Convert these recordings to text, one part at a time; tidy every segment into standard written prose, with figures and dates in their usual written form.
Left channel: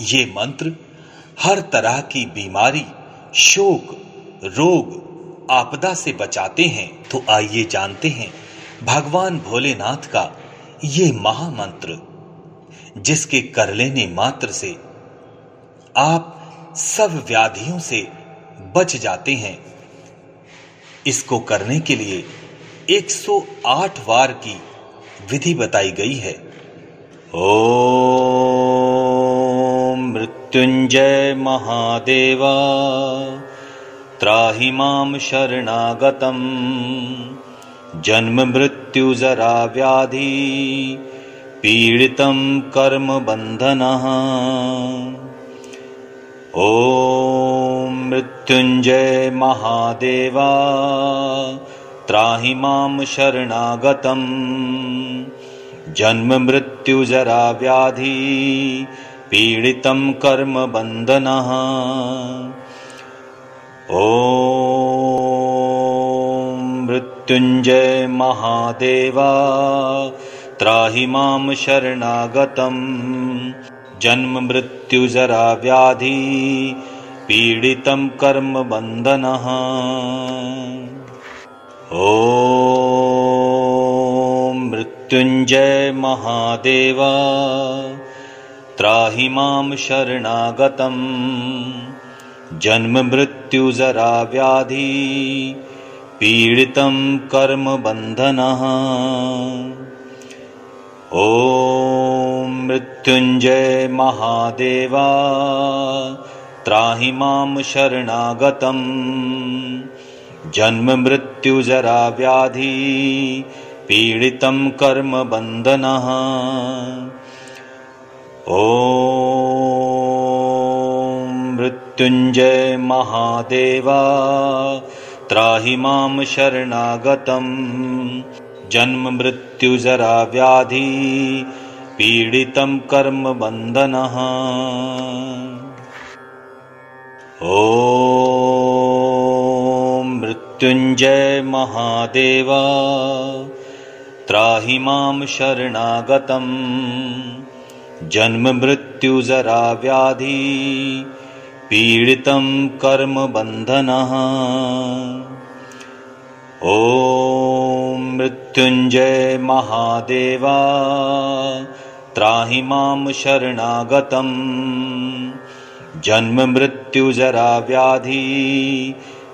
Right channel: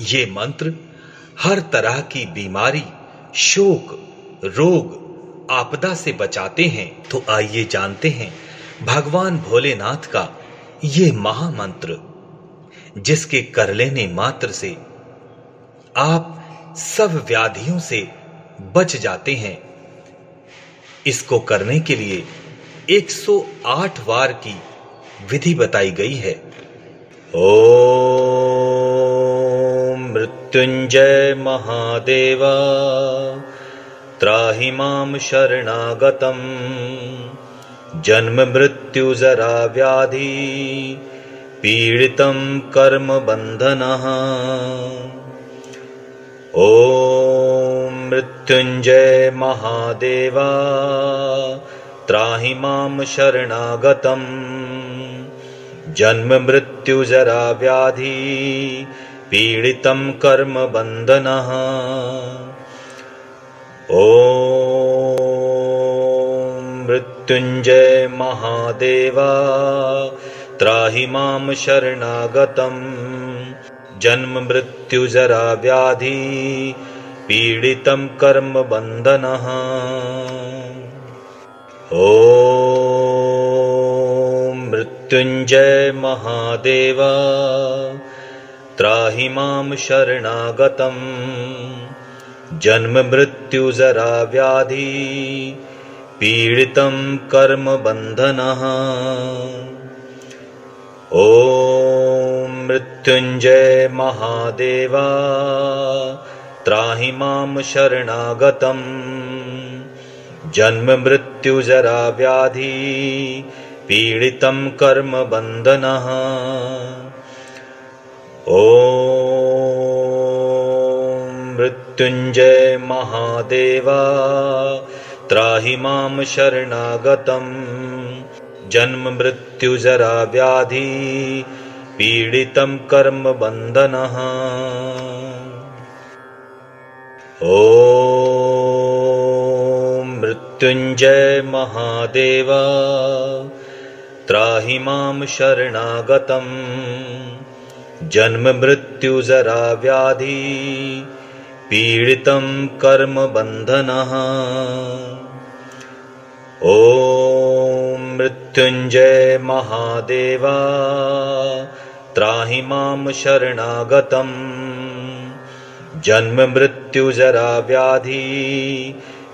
ये मंत्र हर तरह की बीमारी, शोक, रोग, आपदा से बचाते हैं। तो आइए जानते हैं भगवान भोलेनाथ का ये महामंत्र, जिसके कर लेने मात्र से आप सब व्याधियों से बच जाते हैं। इसको करने के लिए 108 वार की विधि बताई गई है। ओम मृत्युंजय महादेवा त्राहि मां शरणागतम् जन्म मृत्यु जरा व्याधि पीडितं कर्म बंधनः। ओम मृत्युंजय महादेवा त्राहि मां शरणागतम् जन्म मृत्यु जरा व्याधि पीडितं कर्म बंधनः। ओम मृत्युंजय महादेवा त्राहि मां शरणागतम् जन्म मृत्यु जरा व्याधि पीडितं कर्म बंधनः। ओम मृत्युंजय महादेवा त्राहि मां शरणागतम् जन्म मृत्यु जरा व्याधि पीडितं कर्म बंधनः। ओम मृत्युंजय महादेवा त्राहि मां शरणागतम् जन्म मृत्यु जरा व्याधि पीडितं कर्म बंधनः। ओम मृत्युंजय महादेवा त्राहि मां शरणागतम् जन्म मृत्यु जरा व्याधि पीडितं कर्म बंधनः। ओम मृत्युंजय महादेवा त्राहि मां शरणागतम् जन्म मृत्यु जरा व्याधि पीडितं कर्म बंधनः। ओम मृत्युंजय महादेवा त्राहि मां शरणागतम् जन्म मृत्यु जरा व्याधि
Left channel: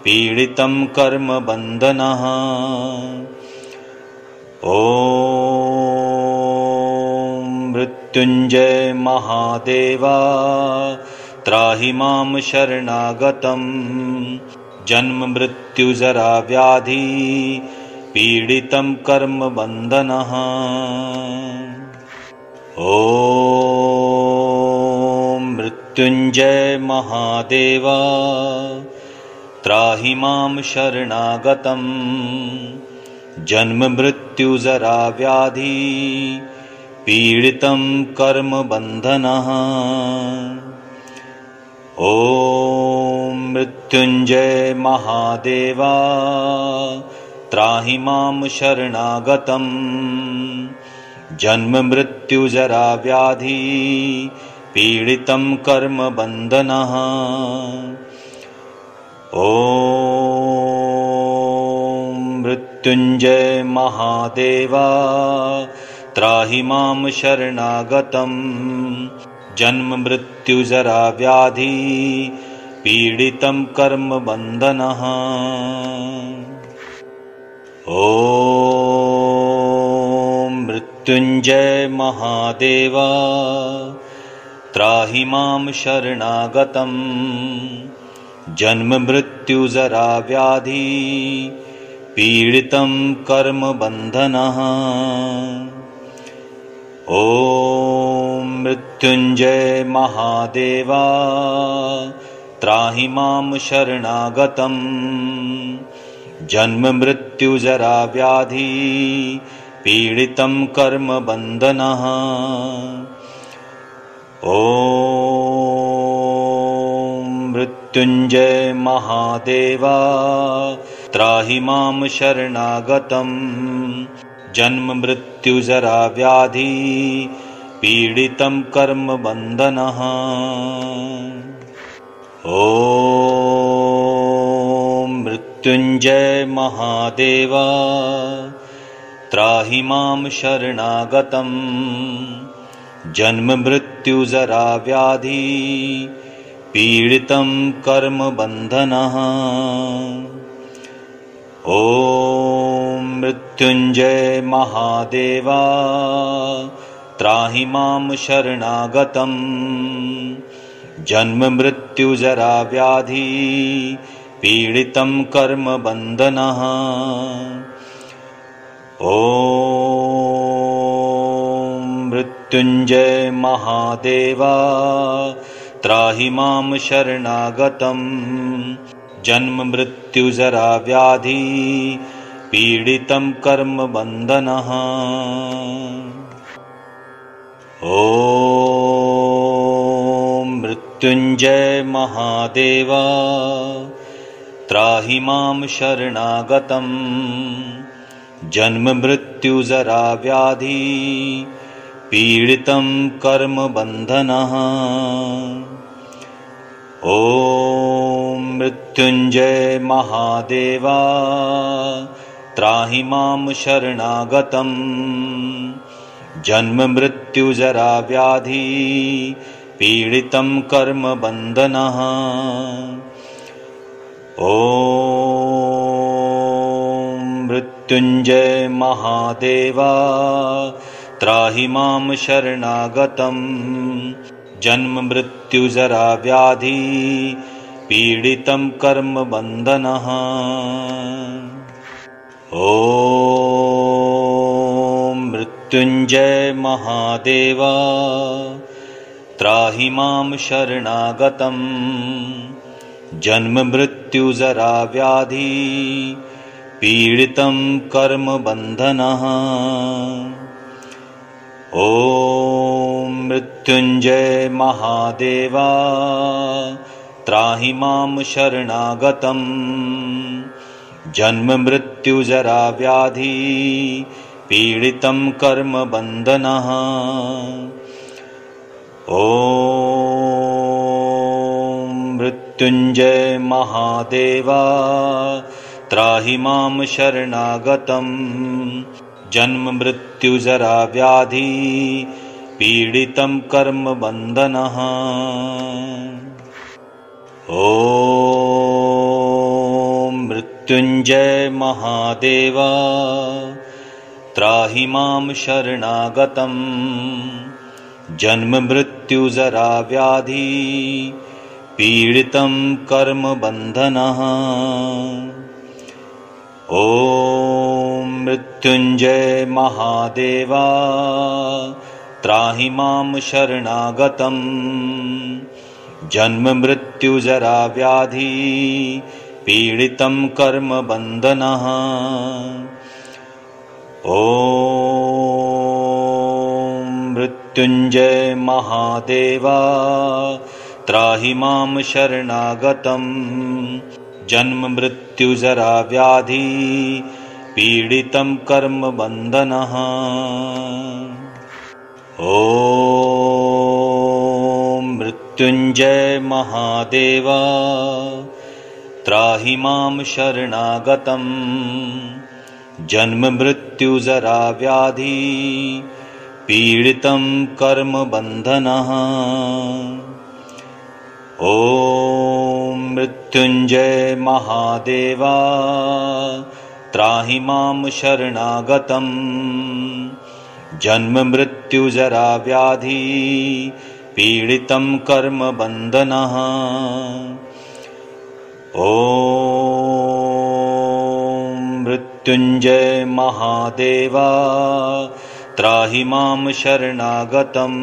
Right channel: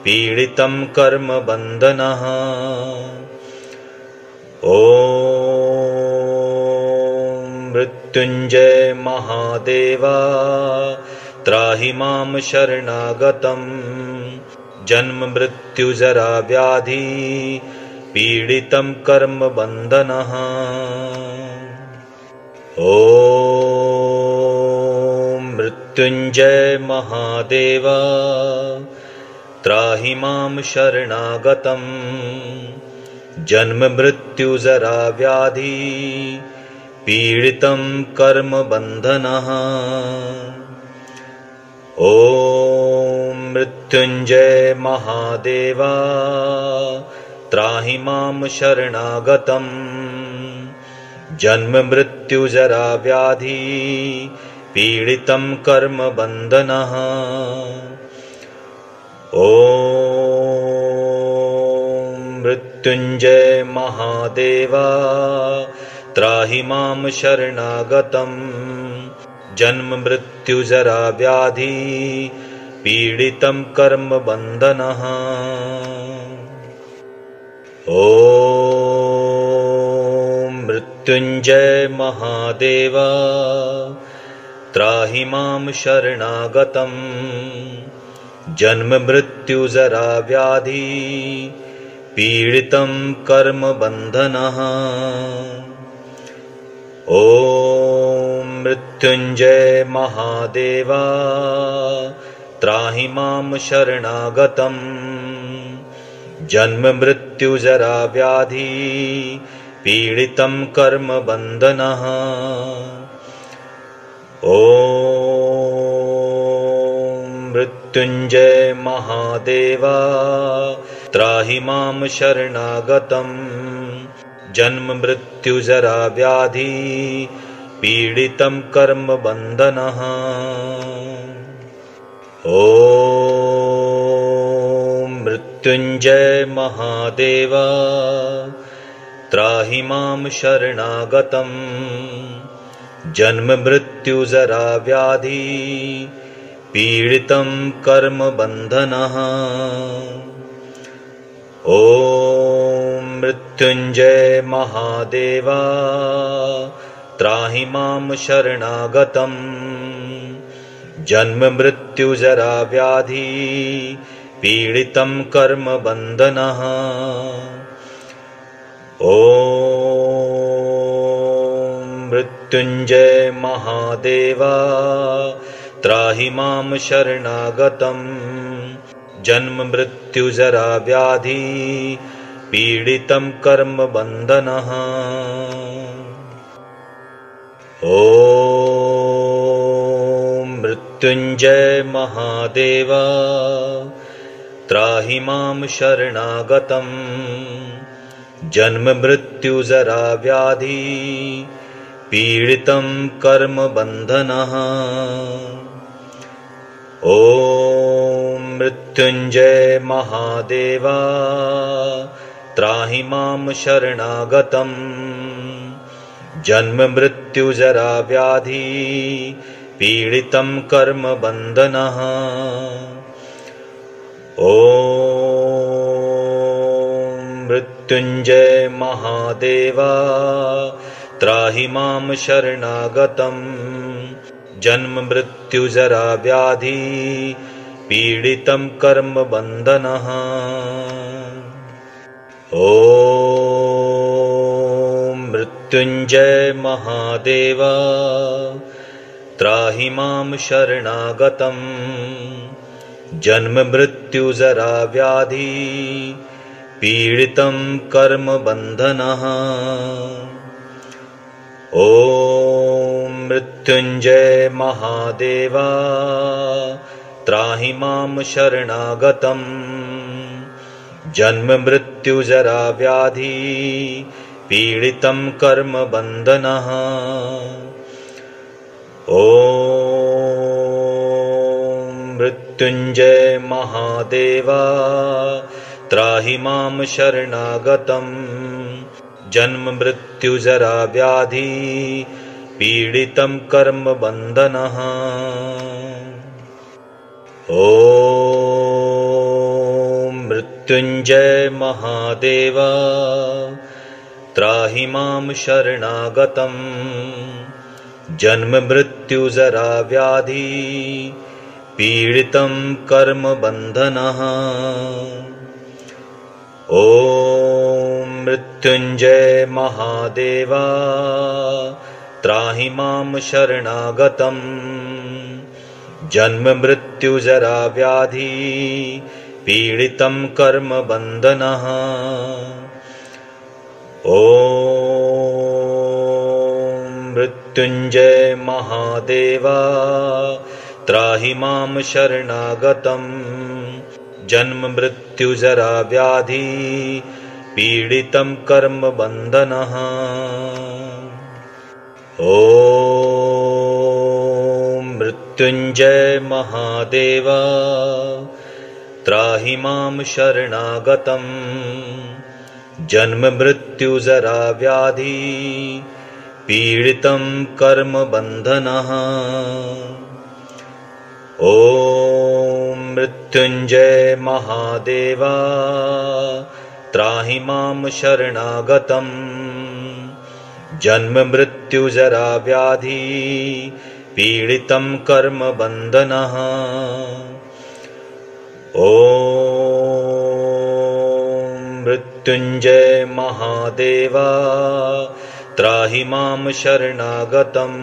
पीडितं कर्म बंधनः। ओम मृत्युंजय महादेवा त्राहि मां शरणागतम् जन्म मृत्यु जरा व्याधि पीडितं कर्म बंधनः। ओम मृत्युंजय महादेवा त्राहि मां शरणागतम् जन्म मृत्यु जरा व्याधि पीडितं कर्म बंधनः। ओम मृत्युंजय महादेवा त्राहि मां शरणागतम् जन्म मृत्यु जरा व्याधि पीडितं कर्म बंधनः। ओम मृत्युंजय महादेवा त्राहि मां शरणागतम् जन्म मृत्यु जरा व्याधि पीडितं कर्म बंधनः। ओम मृत्युंजय महादेवा त्राहि मां शरणागतम् जन्म मृत्यु जरा व्याधि पीडितं कर्म बंधनः। ओम मृत्युंजय महादेवा त्राहि मां शरणागतम् जन्म मृत्यु जरा व्याधि पीडितं कर्म बंधनः। ओम मृत्युंजय महादेवा त्राहि मां शरणागतम् जन्म मृत्यु जरा व्याधि पीडितं कर्म बन्धनः। ॐ मृत्युञ्जय महादेव त्राहि मां शरणागतं जन्म मृत्यु जरा व्याधि पीडितं कर्म बन्धनः। ॐ मृत्युञ्जय महादेव त्राहि मां शरणागतं जन्म मृत्यु जरा व्याधि पीडितं कर्म बन्धनः। ॐ मृत्युञ्जय महादेव त्राहि मां शरणागतं जन्म मृत्यु जरा व्याधि पीडितं कर्म बन्धनः। ॐ मृत्युञ्जय महादेव त्राहि मां शरणागतं जन्म मृत्यु जरा व्याधि पीडितं कर्म बन्धनः। ॐ मृत्युञ्जय महादेव त्राहि मां शरणागतं जन्म मृत्यु जरा व्याधि पीडितं कर्म बन्धनः। ॐ मृत्युञ्जय महादेव त्राहि मां शरणागतं जन्म मृत्यु जरा व्याधि पीडितं कर्म बन्धनः। ॐ मृत्युञ्जय महादेव त्राहि मां शरणागतं जन्म मृत्यु जरा व्याधि पीडितं कर्म बन्धनः। ॐ मृत्युञ्जय महादेव त्राहि मां शरणागतं जन्म मृत्यु जरा व्याधि पीडितं कर्म बन्धनः। ॐ मृत्युञ्जय महादेव त्राहि मां शरणागतं जन्म मृत्यु जरा व्याधि पीडितं कर्म बन्धनः। ॐ मृत्युञ्जय महादेव त्राहि मां शरणागतं जन्म मृत्यु जरा व्याधि पीडितं कर्म बन्धनः। ॐ मृत्युञ्जय महादेव त्राहि मां शरणागतं जन्म मृत्यु जरा व्याधि पीडितं कर्म बन्धनः। ॐ मृत्युञ्जय महादेव त्राहि मां शरणागतं जन्म मृत्यु जरा व्याधि पीडितं कर्म बन्धनः। ॐ मृत्युञ्जय महादेव त्राहि मां शरणागतं जन्म मृत्यु जरा व्याधि पीडितं कर्म बन्धनः। ॐ मृत्युञ्जय महादेव त्राहि मां शरणागतं जन्म मृत्यु जरा व्याधि पीडितं कर्म बन्धनः। ॐ मृत्युञ्जय महादेव त्राहि मां शरणागतं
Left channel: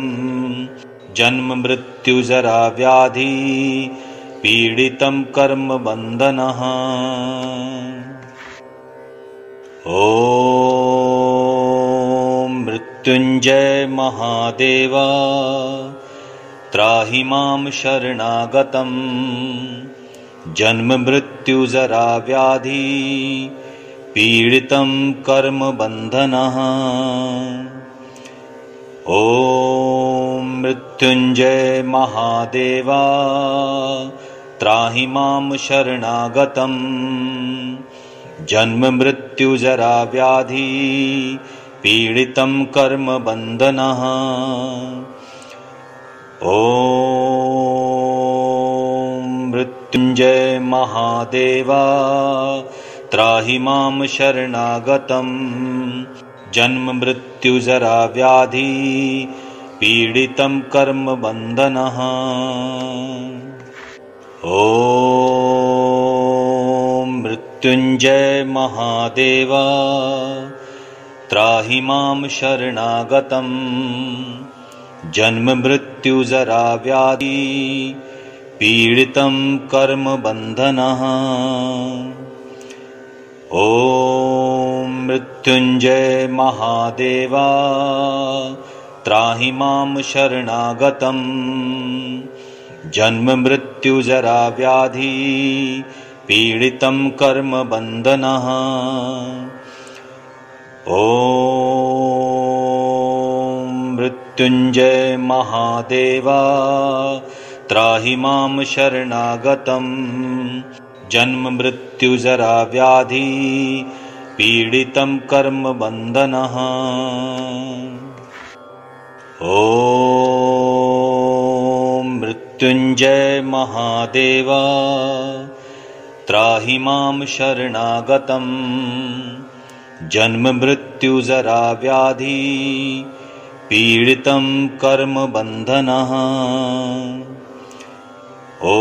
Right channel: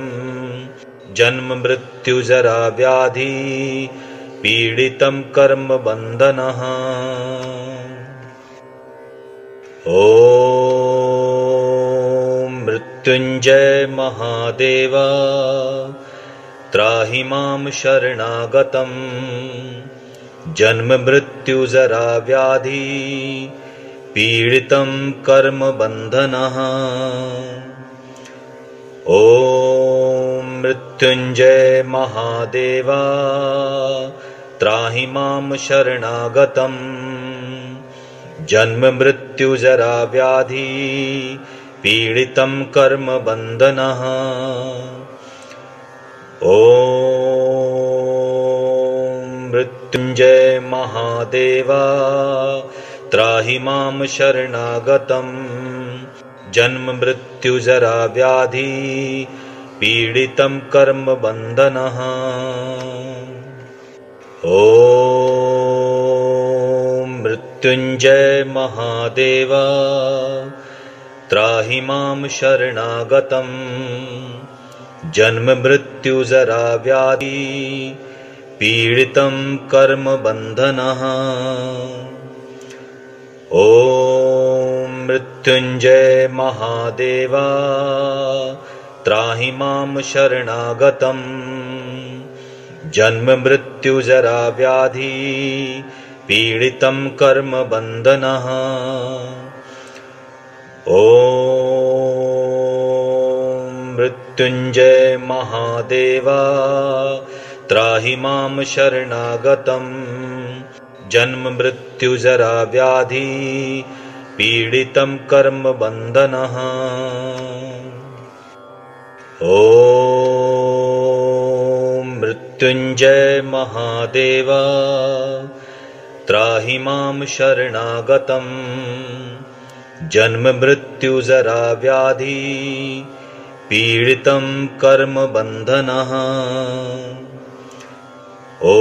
जन्म मृत्यु जरा व्याधि पीडितं कर्म बन्धनः। ॐ मृत्युञ्जय महादेव त्राहि मां शरणागतं जन्म मृत्यु जरा व्याधि पीडितं कर्म बन्धनः। ॐ मृत्युंजय महादेवा त्राहि मां शरणागतम् जन्म मृत्यु जरा व्याधि पीडितं कर्म बन्धनः ॐ मृत्युंजय महादेवा त्राहि मां शरणागतम् जन्म मृत्यु जरा व्याधि पीडितं कर्म बन्धनः ॐ मृत्युंजय महादेवा त्राहि मां शरणागतम् जन्म मृत्यु जरा व्याधि पीडितं कर्म बन्धनः ॐ मृत्युंजय महादेवा त्राहि मां शरणागतम् जन्म मृत्यु जरा व्याधि पीडितं कर्म बन्धनः ॐ मृत्युंजय महादेवा त्राहि मां शरणागतम् जन्म मृत्यु जरा व्याधि पीडितं कर्म बन्धनः ॐ मृत्युंजय महादेवा त्राहि मां शरणागतम् जन्म मृत्यु जरा व्याधि पीडितं कर्म बन्धनः ॐ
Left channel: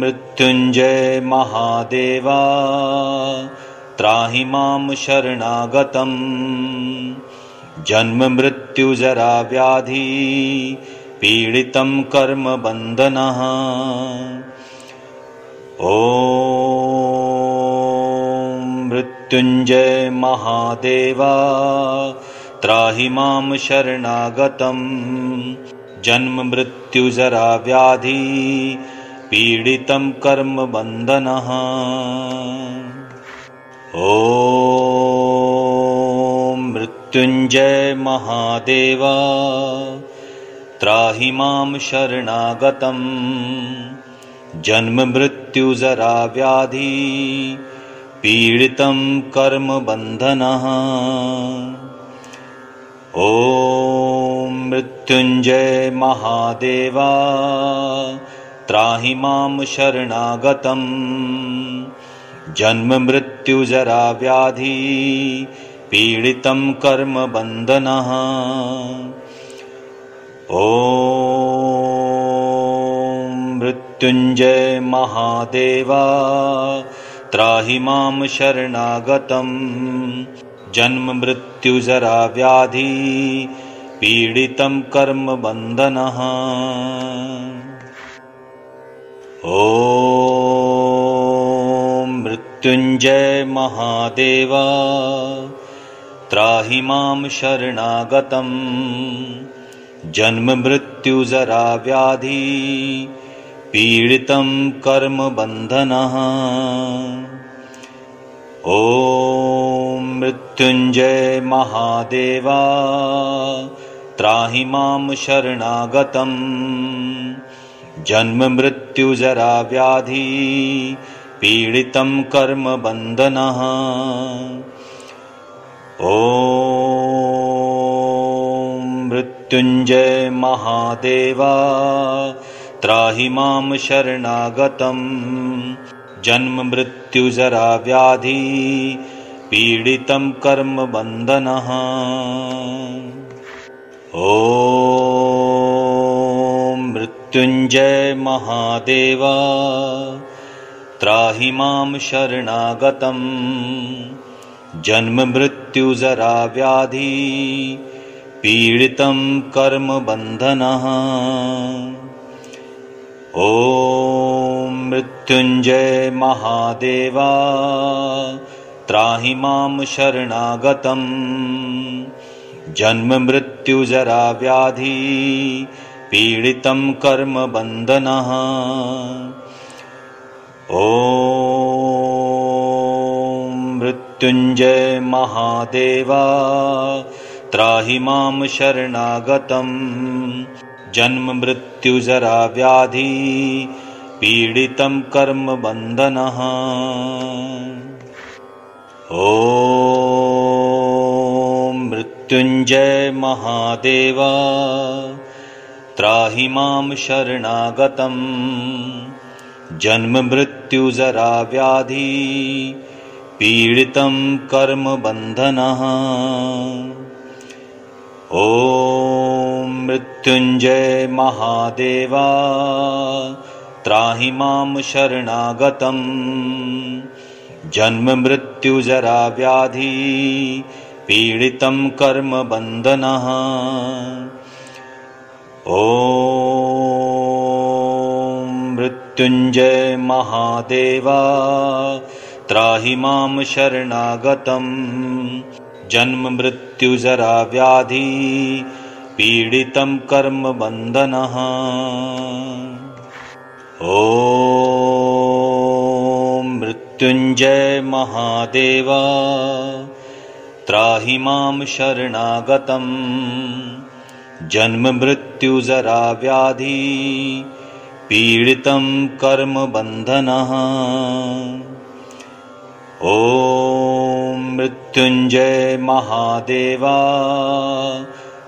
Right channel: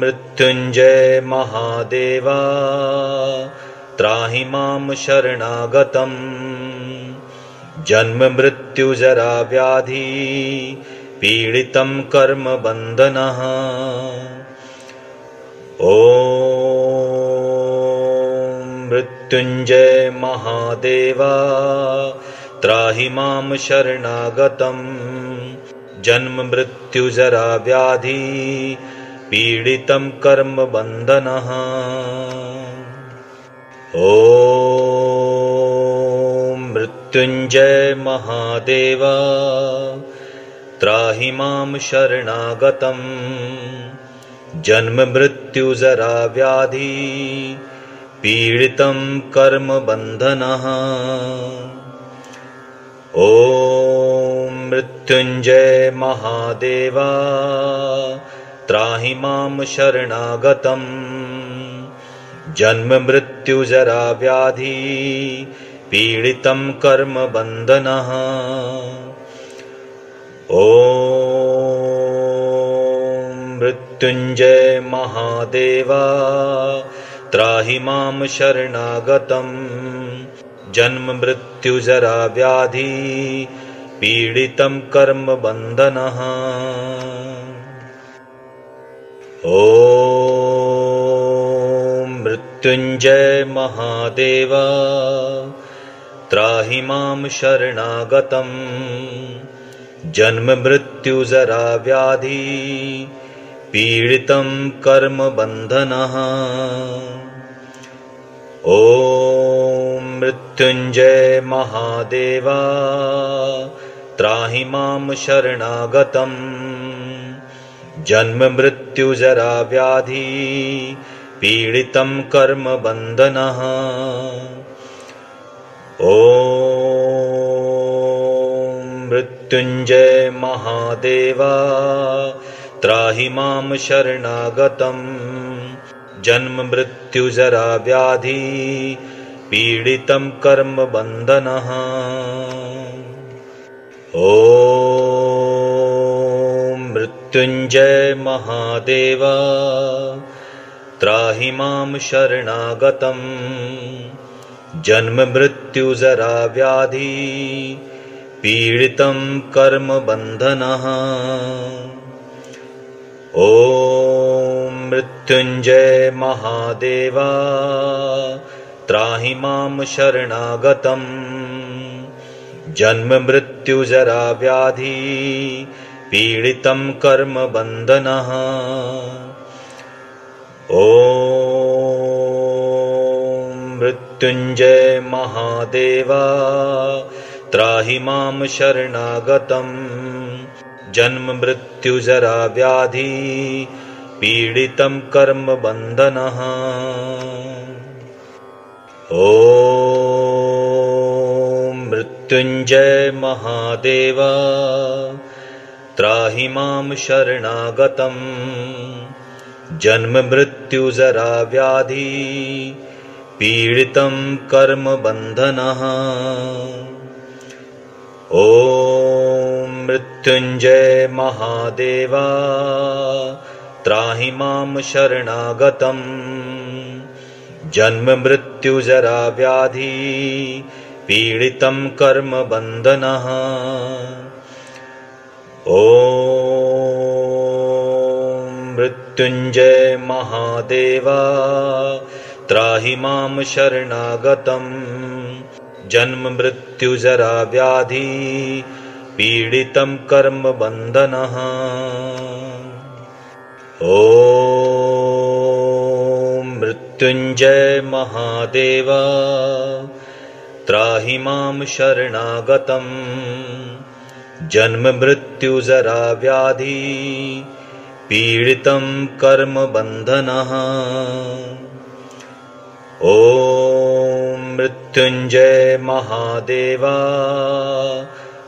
मृत्युंजय महादेवा त्राहि मां शरणागतम् जन्म मृत्यु जरा व्याधि पीडितं कर्म बन्धनः ॐ मृत्युंजय महादेवा त्राहि मां शरणागतम् जन्म मृत्यु जरा व्याधि पीडितं कर्म बन्धनः ॐ मृत्युंजय महादेवा त्राहि मां शरणागतम् जन्म मृत्यु जरा व्याधि पीडितं कर्म बन्धनः ॐ मृत्युंजय महादेवा त्राहि मां शरणागतम् जन्म मृत्यु जरा व्याधि पीडितं कर्म बन्धनः ॐ मृत्युंजय महादेवा त्राहि मां शरणागतम् जन्म मृत्यु जरा व्याधि पीडितं कर्म बन्धनः ॐ मृत्युंजय महादेवा त्राहि मां शरणागतम् जन्म मृत्यु जरा व्याधि पीडितं कर्म बन्धनः ॐ मृत्युंजय महादेवा त्राहि मां शरणागतम् जन्म मृत्यु जरा व्याधि पीडितं कर्म बन्धनः ॐ मृत्युंजय महादेवा त्राहि मां शरणागतम् जन्म मृत्यु जरा व्याधि पीडितं कर्म बन्धनः ॐ मृत्युंजय महादेवा त्राहि मां शरणागतम् जन्म मृत्यु जरा व्याधि पीडितं कर्म बन्धनः ॐ मृत्युंजय महादेवा त्राहि मां शरणागतम् जन्म मृत्यु जरा व्याधि पीडितं कर्म बन्धनः ॐ मृत्युंजय महादेवा त्राहि मां शरणागतम् जन्म मृत्यु जरा व्याधि पीडितं कर्म बंधनः। ओम मृत्युंजय महादेव त्राहि मां शरणागतम्। जन्म मृत्यु जरा व्याधि पीडितं कर्म बंधनः। ओम मृत्युंजय महादेव त्राहि मां शरणागतम्। जन्म मृत्यु जरा व्याधि पीडितं कर्म बंधनः। ओम मृत्युंजय महादेव त्राहि मां शरणागतम्। जन्म मृत्यु जरा व्याधि पीडितं कर्म बंधनः। ओम मृत्युंजय महादेव त्राहि मां शरणागतम्। जन्म मृत्यु जरा व्याधि पीडितं कर्म बंधनः। ओम मृत्युंजय महादेव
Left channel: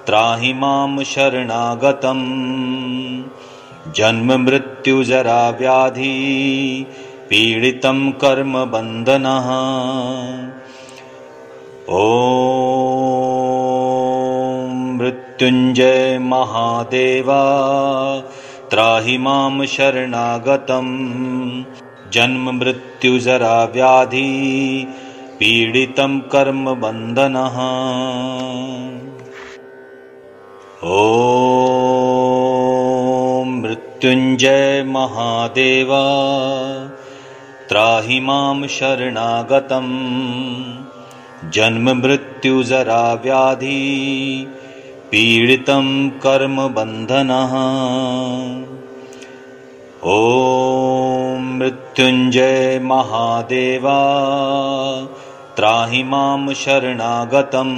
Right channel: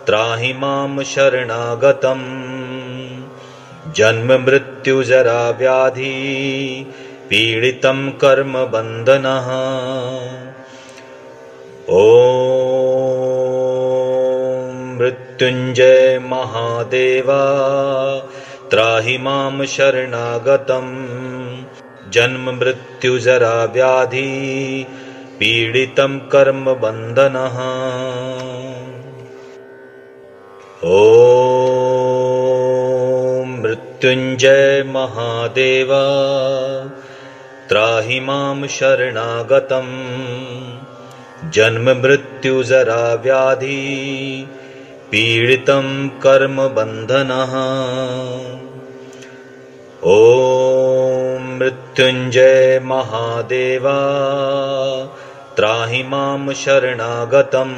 त्राहि मां शरणागतम्। जन्म मृत्यु जरा व्याधि पीडितं कर्म बंधनः। ओम मृत्युंजय महादेव त्राहि मां शरणागतम्। जन्म मृत्यु जरा व्याधि पीडितं कर्म बंधनः। ओम मृत्युंजय महादेव त्राहि मां शरणागतम्। जन्म मृत्यु जरा व्याधि पीडितं कर्म बंधनः। ओम मृत्युंजय महादेव त्राहि मां शरणागतम्।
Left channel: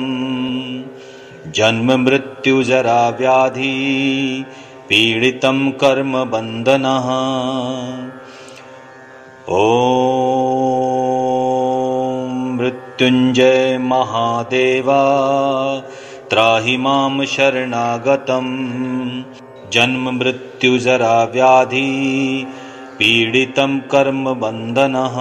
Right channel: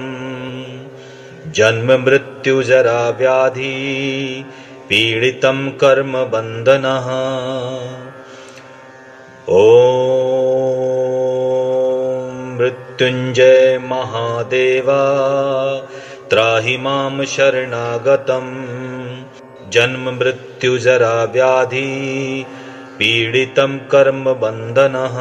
जन्म मृत्यु जरा व्याधि पीडितं कर्म बंधनः। ओम मृत्युंजय महादेव त्राहि मां शरणागतम्। जन्म मृत्यु जरा व्याधि पीडितं कर्म बंधनः।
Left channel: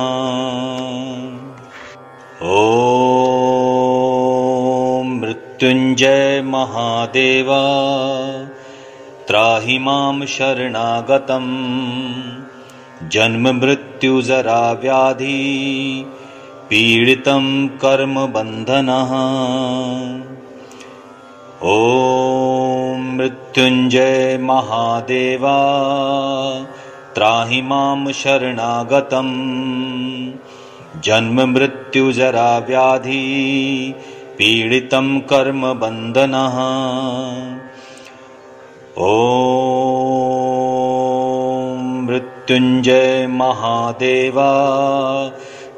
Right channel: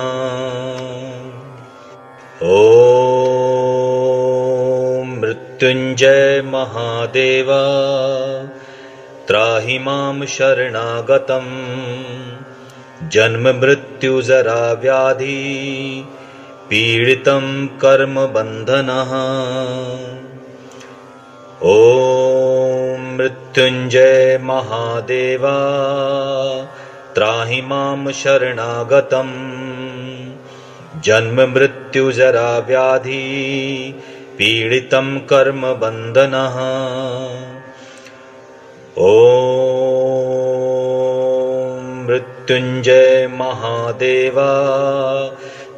ओम मृत्युंजय महादेव त्राहि मां शरणागतम्। जन्म मृत्यु जरा व्याधि पीडितं कर्म बंधनः। ओम मृत्युंजय महादेव त्राहि मां शरणागतम्। जन्म मृत्यु जरा व्याधि पीडितं कर्म बंधनः। ओम मृत्युंजय महादेव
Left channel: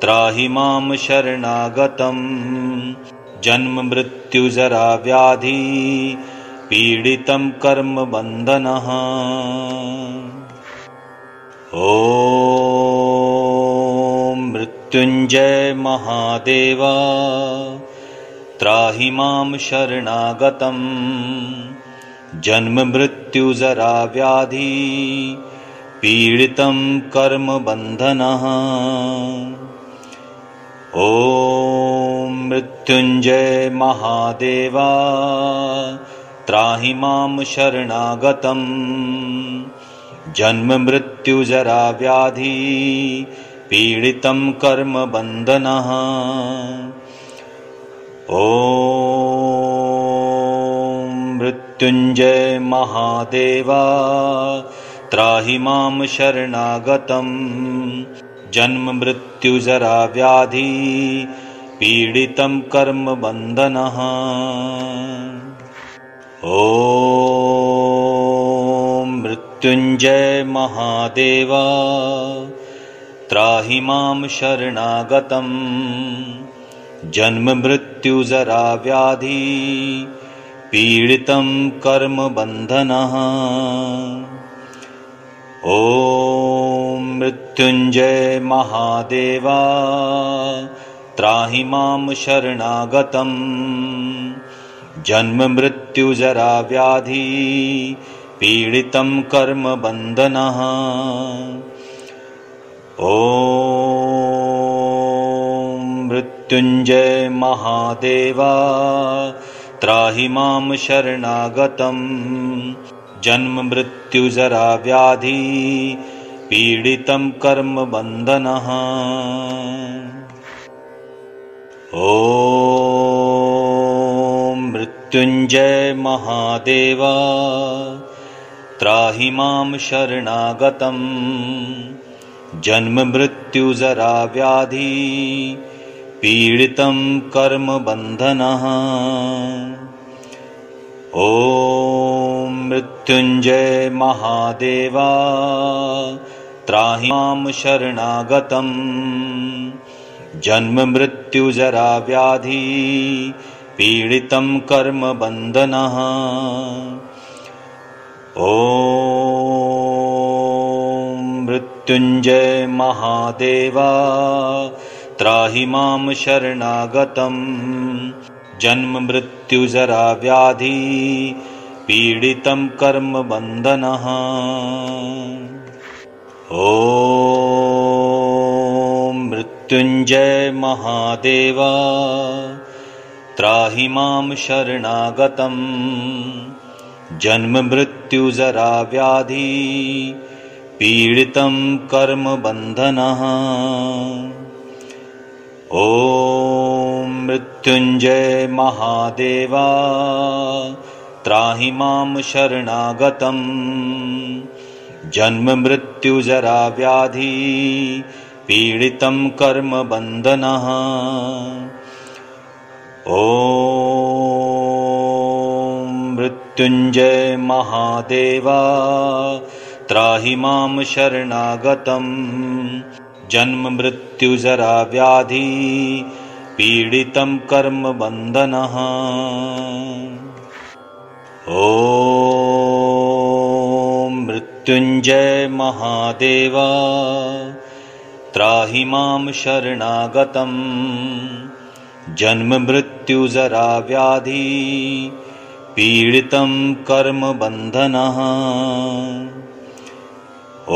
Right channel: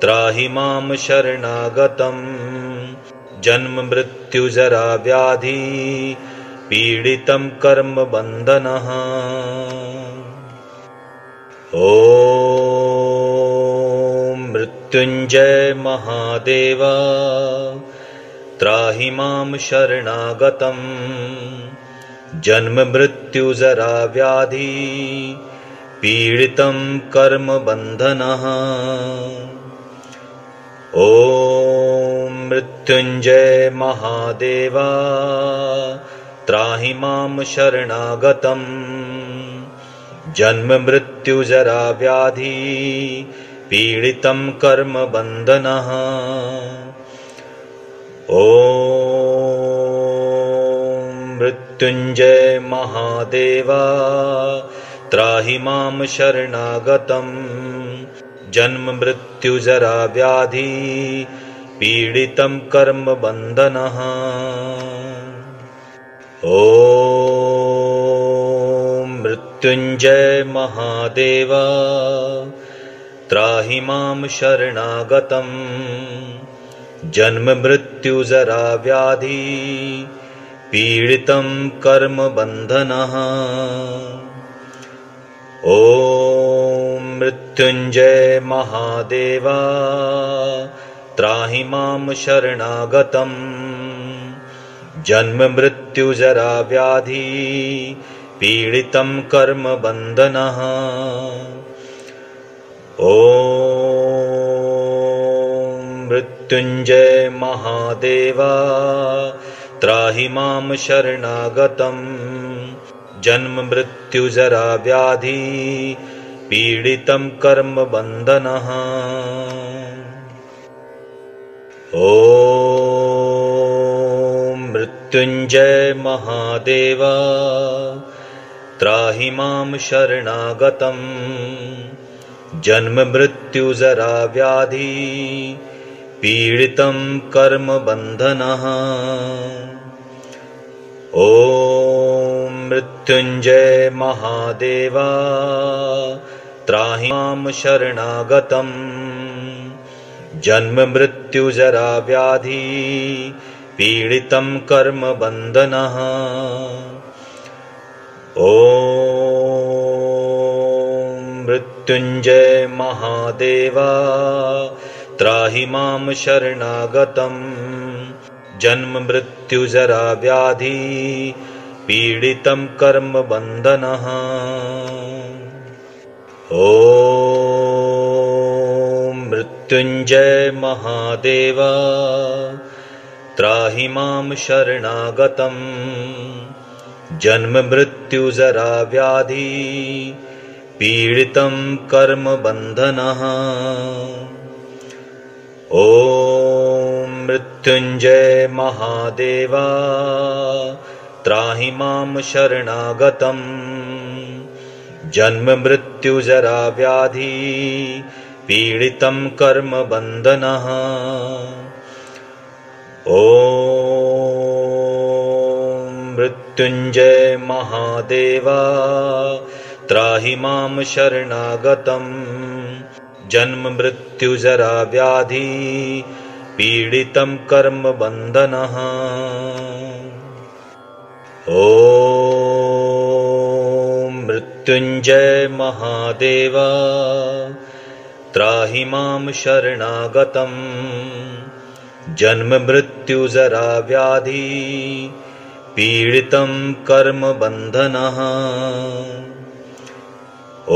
त्राहि मां शरणागतम्। जन्म मृत्यु जरा व्याधि पीडितं कर्म बंधनः। ओम मृत्युंजय महादेव त्राहि मां शरणागतम्। जन्म मृत्यु जरा व्याधि पीडितं कर्म बंधनः। ओम मृत्युंजय महादेव त्राहि मां शरणागतम्। जन्म मृत्यु जरा व्याधि पीडितं कर्म बंधनः। ओम मृत्युंजय महादेव त्राहि मां शरणागतम्। जन्म मृत्यु जरा व्याधि पीडितं कर्म बंधनः। ओम मृत्युंजय महादेव त्राहि मां शरणागतम्। जन्म मृत्यु जरा व्याधि पीडितं कर्म बन्धनः। ॐ मृत्युञ्जय महादेवा त्राहि मां शरणागतम्। जन्म मृत्यु जरा व्याधि पीडितं कर्म बन्धनः। ॐ मृत्युञ्जय महादेवा त्राहि मां शरणागतम्। जन्म मृत्यु जरा व्याधि पीडितं कर्म बन्धनः। ॐ मृत्युञ्जय महादेवा त्राहि मां शरणागतम्। जन्म मृत्यु जरा व्याधि पीडितं कर्म बन्धनः। ॐ मृत्युञ्जय महादेवा त्राहि मां शरणागतम्। जन्म मृत्यु जरा व्याधि पीडितं कर्म बन्धनः। ॐ मृत्युञ्जय महादेवा त्राहि मां शरणागतम्। जन्म मृत्यु जरा व्याधि पीडितं कर्म बन्धनः। ॐ मृत्युञ्जय महादेवा त्राहि मां शरणागतम्। जन्म मृत्यु जरा व्याधि पीडितं कर्म बन्धनः। ॐ मृत्युञ्जय महादेवा त्राहि मां शरणागतम्। जन्म मृत्यु जरा व्याधि पीडितं कर्म बन्धनः। ॐ मृत्युञ्जय महादेवा त्राहि मां शरणागतम्। जन्म मृत्यु जरा व्याधि पीडितं कर्म बन्धनः। ॐ मृत्युञ्जय महादेवा त्राहि मां शरणागतम्। जन्म मृत्यु जरा व्याधि पीडितं कर्म बन्धनः। ॐ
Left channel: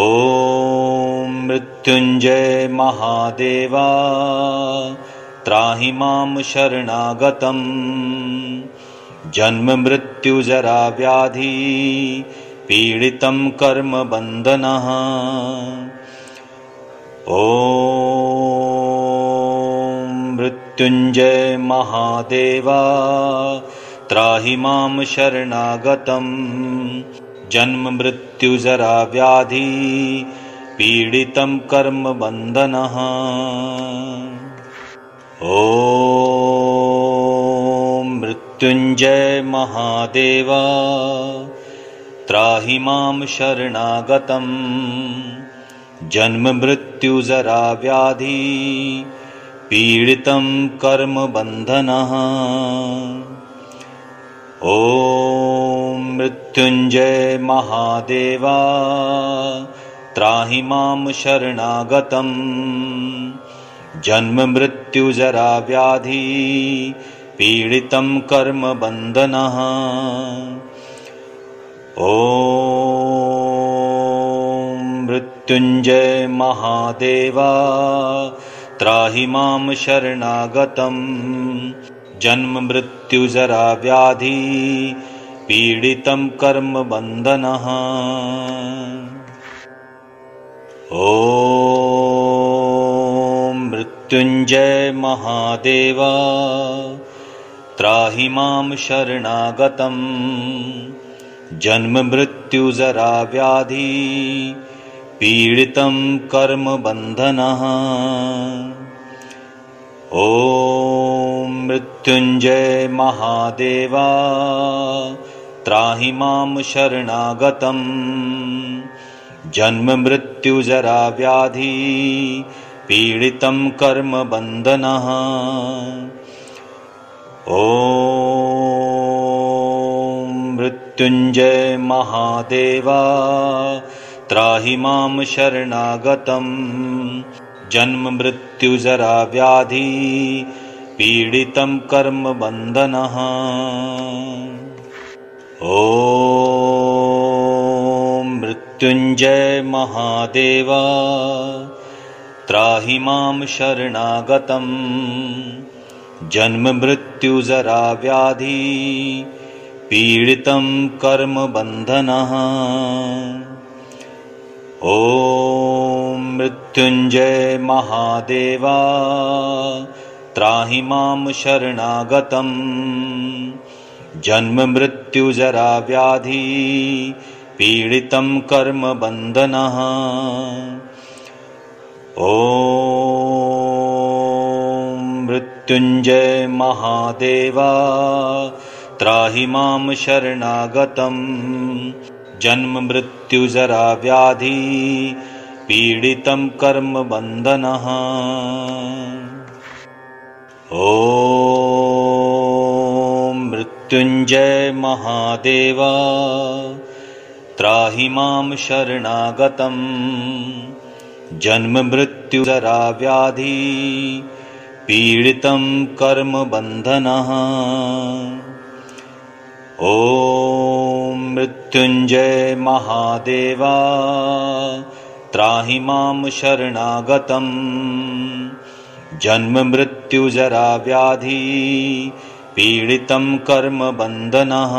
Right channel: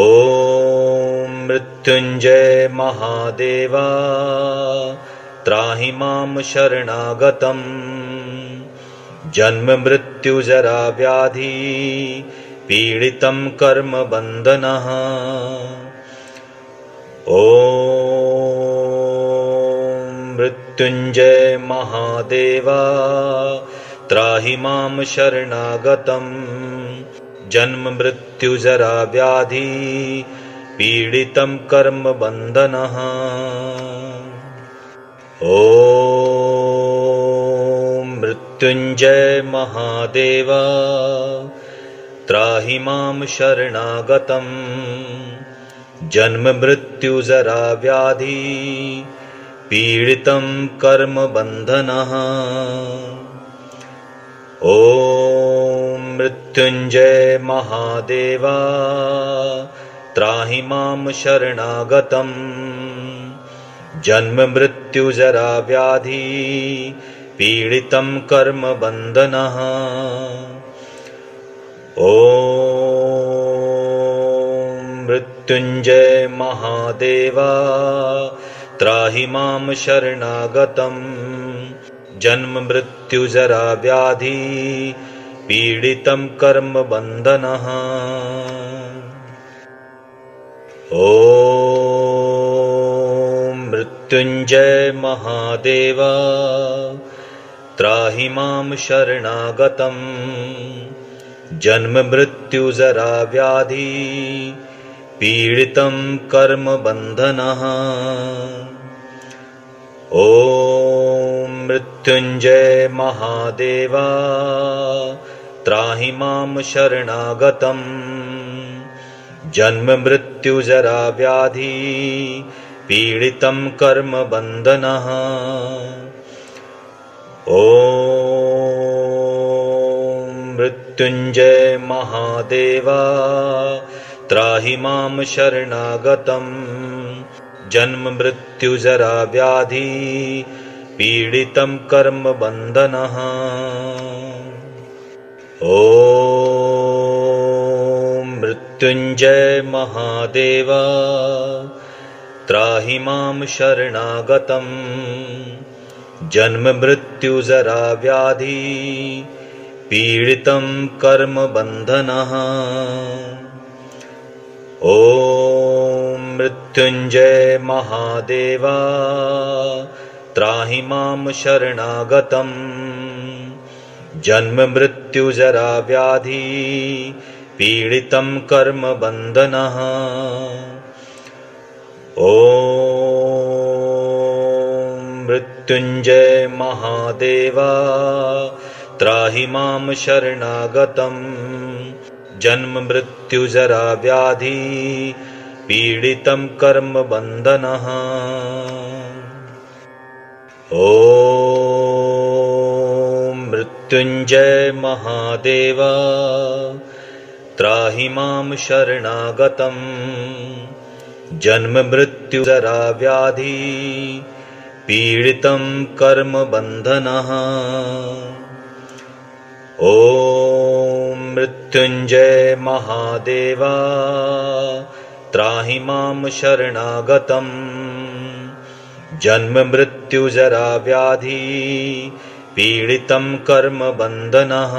मृत्युञ्जय महादेवा त्राहि मां शरणागतम्। जन्म मृत्यु जरा व्याधि पीडितं कर्म बन्धनः। ॐ मृत्युञ्जय महादेवा त्राहि मां शरणागतम्। जन्म मृत्यु जरा व्याधि पीडितं कर्म बन्धनः। ॐ मृत्युञ्जय महादेवा त्राहि मां शरणागतम्। जन्म मृत्यु जरा व्याधि पीडितं कर्म बन्धनः। ॐ मृत्युञ्जय महादेवा त्राहि मां शरणागतम्। जन्म मृत्यु जरा व्याधि पीडितं कर्म बन्धनः। ॐ मृत्युञ्जय महादेवा त्राहि मां शरणागतम्। जन्म मृत्यु जरा व्याधि पीडितं कर्म बन्धनः। ॐ मृत्युञ्जय महादेवा त्राहि मां शरणागतम्। जन्म मृत्यु जरा व्याधि पीडितं कर्म बन्धनः। ॐ मृत्युञ्जय महादेवा त्राहि मां शरणागतम्। जन्म मृत्यु जरा व्याधि पीडितं कर्म बन्धनः। ॐ मृत्युंजय महादेवा त्राहि मां शरणागतम् जन्म मृत्यु जरा व्याधि पीडितं कर्म बन्धनः। ॐ मृत्युंजय महादेवा त्राहि मां शरणागतम् जन्म मृत्यु जरा व्याधि पीडितं कर्म बन्धनः। ॐ मृत्युंजय महादेवा त्राहि मां शरणागतम् जन्म मृत्यु जरा व्याधि पीडितं कर्म बन्धनः। ॐ मृत्युंजय महादेवा त्राहि मां शरणागतम् जन्म मृत्यु जरा व्याधि पीडितं कर्म बन्धनः। ॐ मृत्युंजय महादेवा त्राहि मां शरणागतम् जन्म मृत्यु जरा व्याधि पीडितं कर्म बन्धनः। ॐ मृत्युंजय महादेवा त्राहि मां शरणागतम् जन्म मृत्यु जरा व्याधि पीडितं कर्म बन्धनः।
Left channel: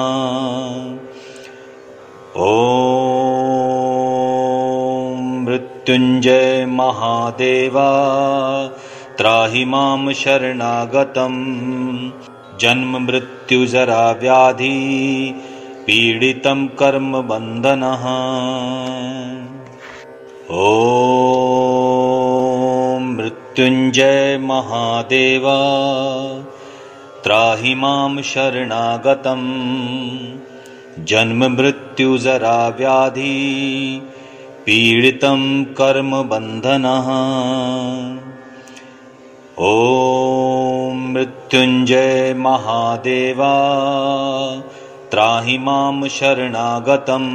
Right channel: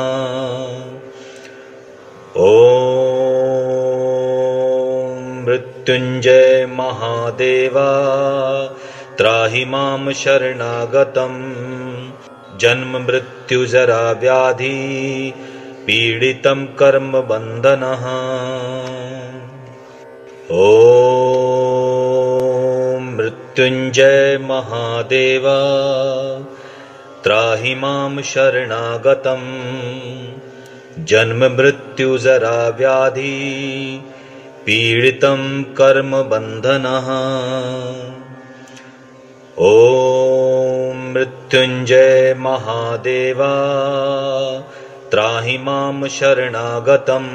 ॐ मृत्युंजय महादेवा त्राहि मां शरणागतम् जन्म मृत्यु जरा व्याधि पीडितं कर्म बन्धनः। ॐ मृत्युंजय महादेवा त्राहि मां शरणागतम् जन्म मृत्यु जरा व्याधि पीडितं कर्म बन्धनः। ॐ मृत्युंजय महादेवा त्राहि मां शरणागतम्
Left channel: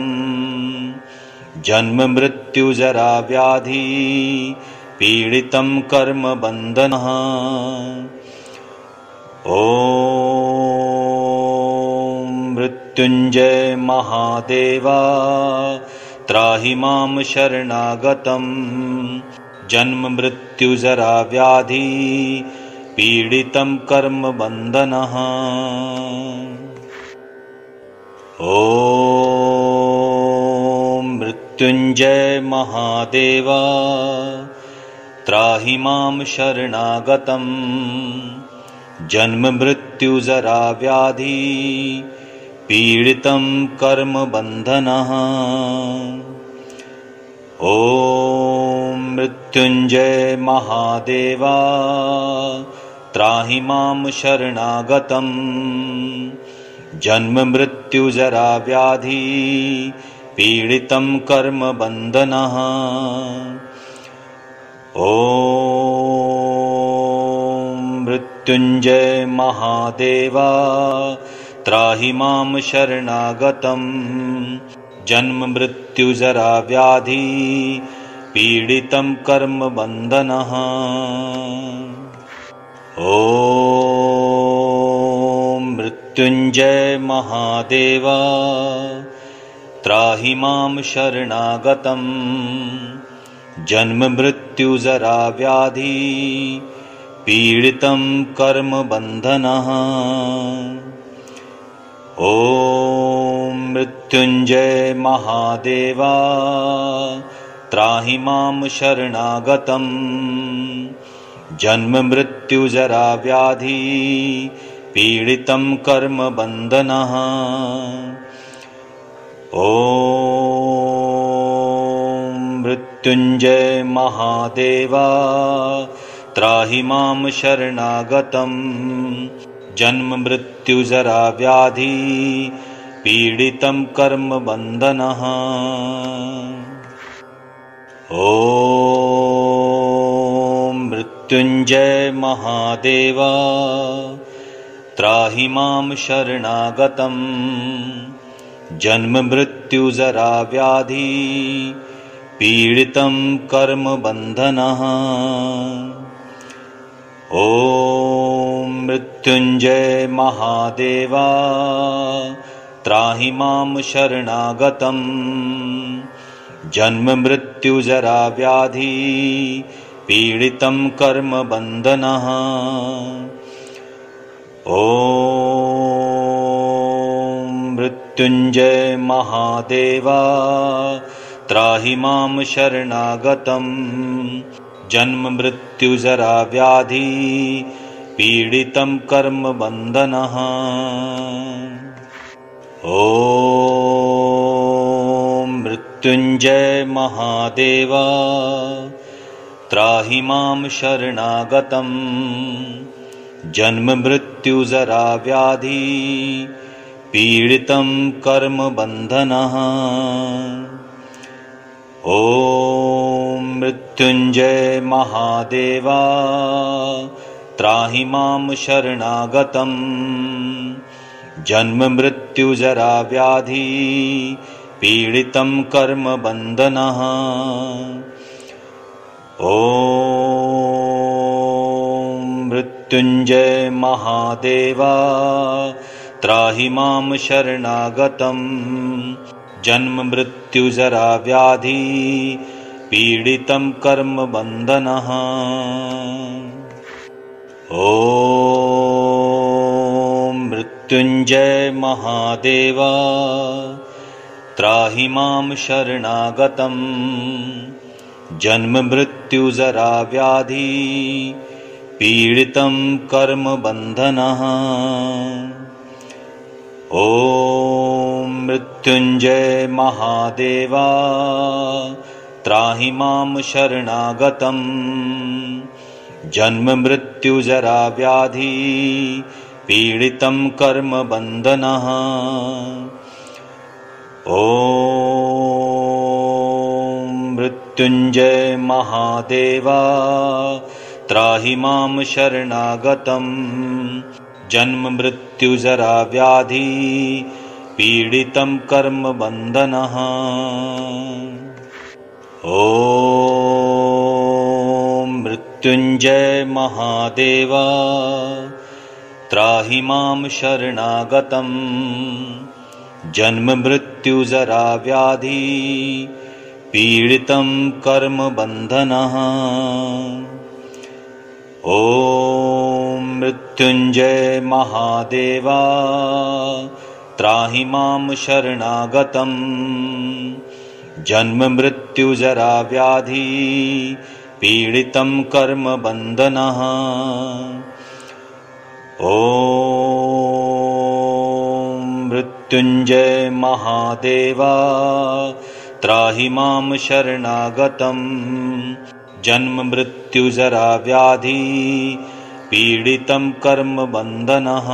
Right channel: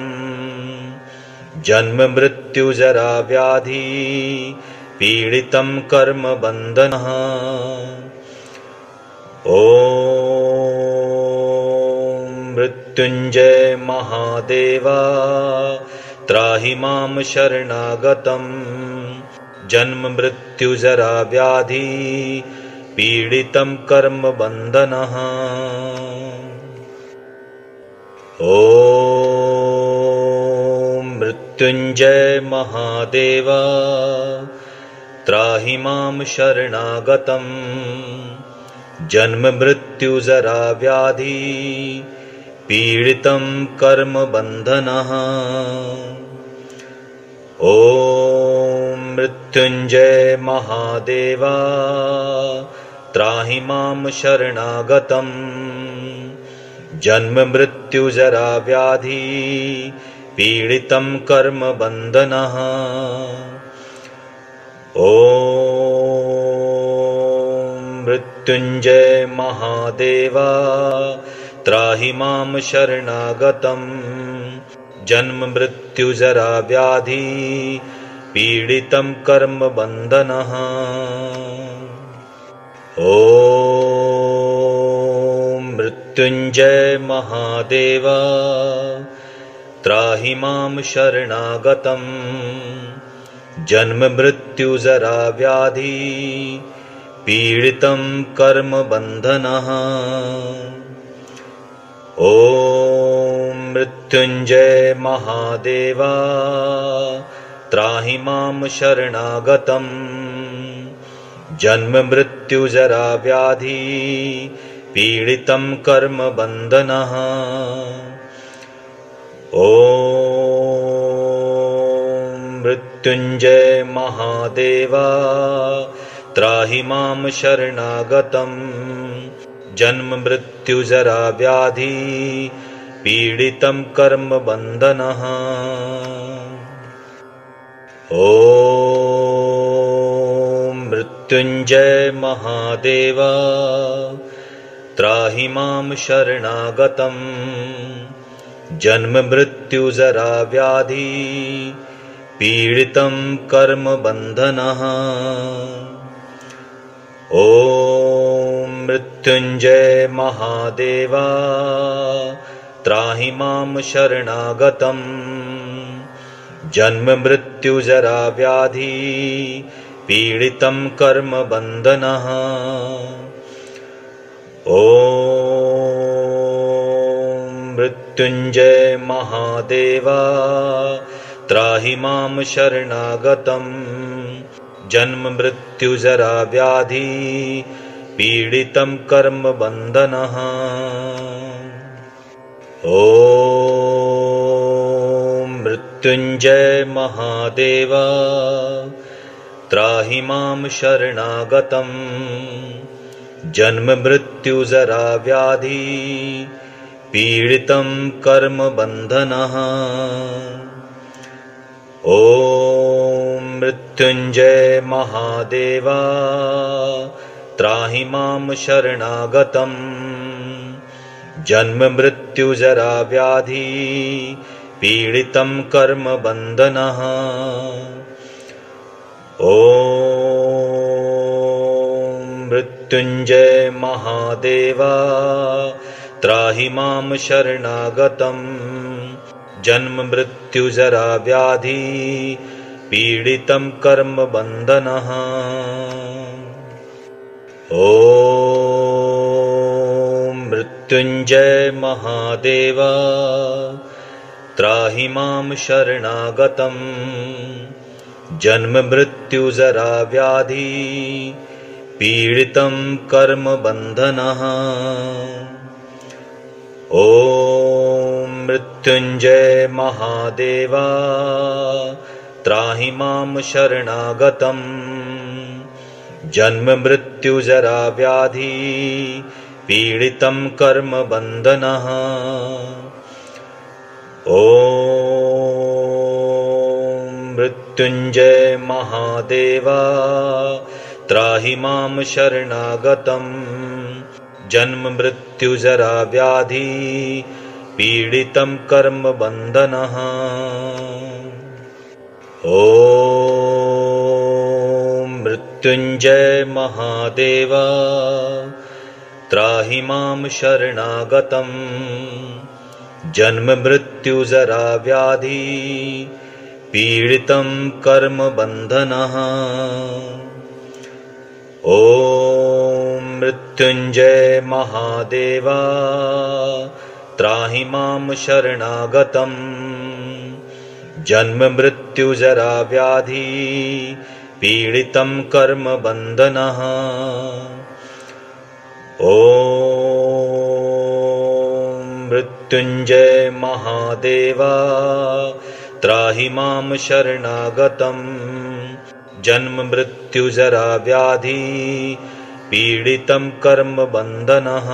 जन्म मृत्यु जरा व्याधि पीडितं कर्म बन्धनः। ॐ मृत्युंजय महादेवा त्राहि मां शरणागतम् जन्म मृत्यु जरा व्याधि पीडितं कर्म बन्धनः। ॐ मृत्युंजय महादेवा त्राहि मां शरणागतम् जन्म मृत्यु जरा व्याधि पीडितं कर्म बन्धनः। ॐ मृत्युंजय महादेवा त्राहि मां शरणागतम् जन्म मृत्यु जरा व्याधि पीडितं कर्म बन्धनः। ॐ मृत्युंजय महादेवा त्राहि मां शरणागतम् जन्म मृत्यु जरा व्याधि पीडितं कर्म बन्धनः। ॐ मृत्युंजय महादेवा त्राहि मां शरणागतम् जन्म मृत्यु जरा व्याधि पीडितं कर्म बन्धनः। ॐ मृत्युंजय महादेवा त्राहि मां शरणागतम् जन्म मृत्यु जरा व्याधि पीडितं कर्म बन्धनः। ॐ मृत्युंजय महादेवा त्राहि मां शरणागतम् जन्म मृत्यु जरा व्याधि पीडितं कर्म बन्धनः। ॐ मृत्युंजय महादेवा त्राहि मां शरणागतम् जन्म मृत्यु जरा व्याधि पीडितं कर्म बंधनः। ओम मृत्युंजय महादेवा त्राहि मां शरणागतम्। जन्म मृत्यु जरा व्याधि पीडितं कर्म बंधनः। ओम मृत्युंजय महादेवा त्राहि मां शरणागतम्। जन्म मृत्यु जरा व्याधि पीडितं कर्म बंधनः। ओम मृत्युंजय महादेवा त्राहि मां शरणागतम्। जन्म मृत्यु जरा व्याधि पीडितं कर्म बंधनः। ओम मृत्युंजय महादेवा त्राहि मां शरणागतम्। जन्म मृत्यु जरा व्याधि पीडितं कर्म बंधनः। ओम मृत्युंजय महादेवा त्राहि मां शरणागतम्। जन्म मृत्यु जरा व्याधि पीडितं कर्म बंधनः। ओम मृत्युंजय महादेवा त्राहि मां शरणागतम्। जन्म मृत्यु जरा व्याधि पीडितं कर्म बंधनः। ओम मृत्युंजय महादेवा त्राहि मां शरणागतम्। जन्म मृत्यु जरा व्याधि पीडितं कर्म बंधनः। ओम मृत्युंजय महादेवा त्राहि मां शरणागतम्। जन्म मृत्यु जरा व्याधि पीडितं कर्म बंधनः। ओम मृत्युंजय महादेवा त्राहि मां शरणागतम्। जन्म मृत्यु जरा व्याधि पीडितं कर्म बंधनः। ओम मृत्युंजय महादेवा त्राहि मां शरणागतम्। जन्म मृत्यु जरा व्याधि पीडितं कर्म बंधनः। ओम मृत्युंजय महादेवा त्राहि मां शरणागतम्। जन्म मृत्यु जरा व्याधि पीडितं कर्म बंधनः।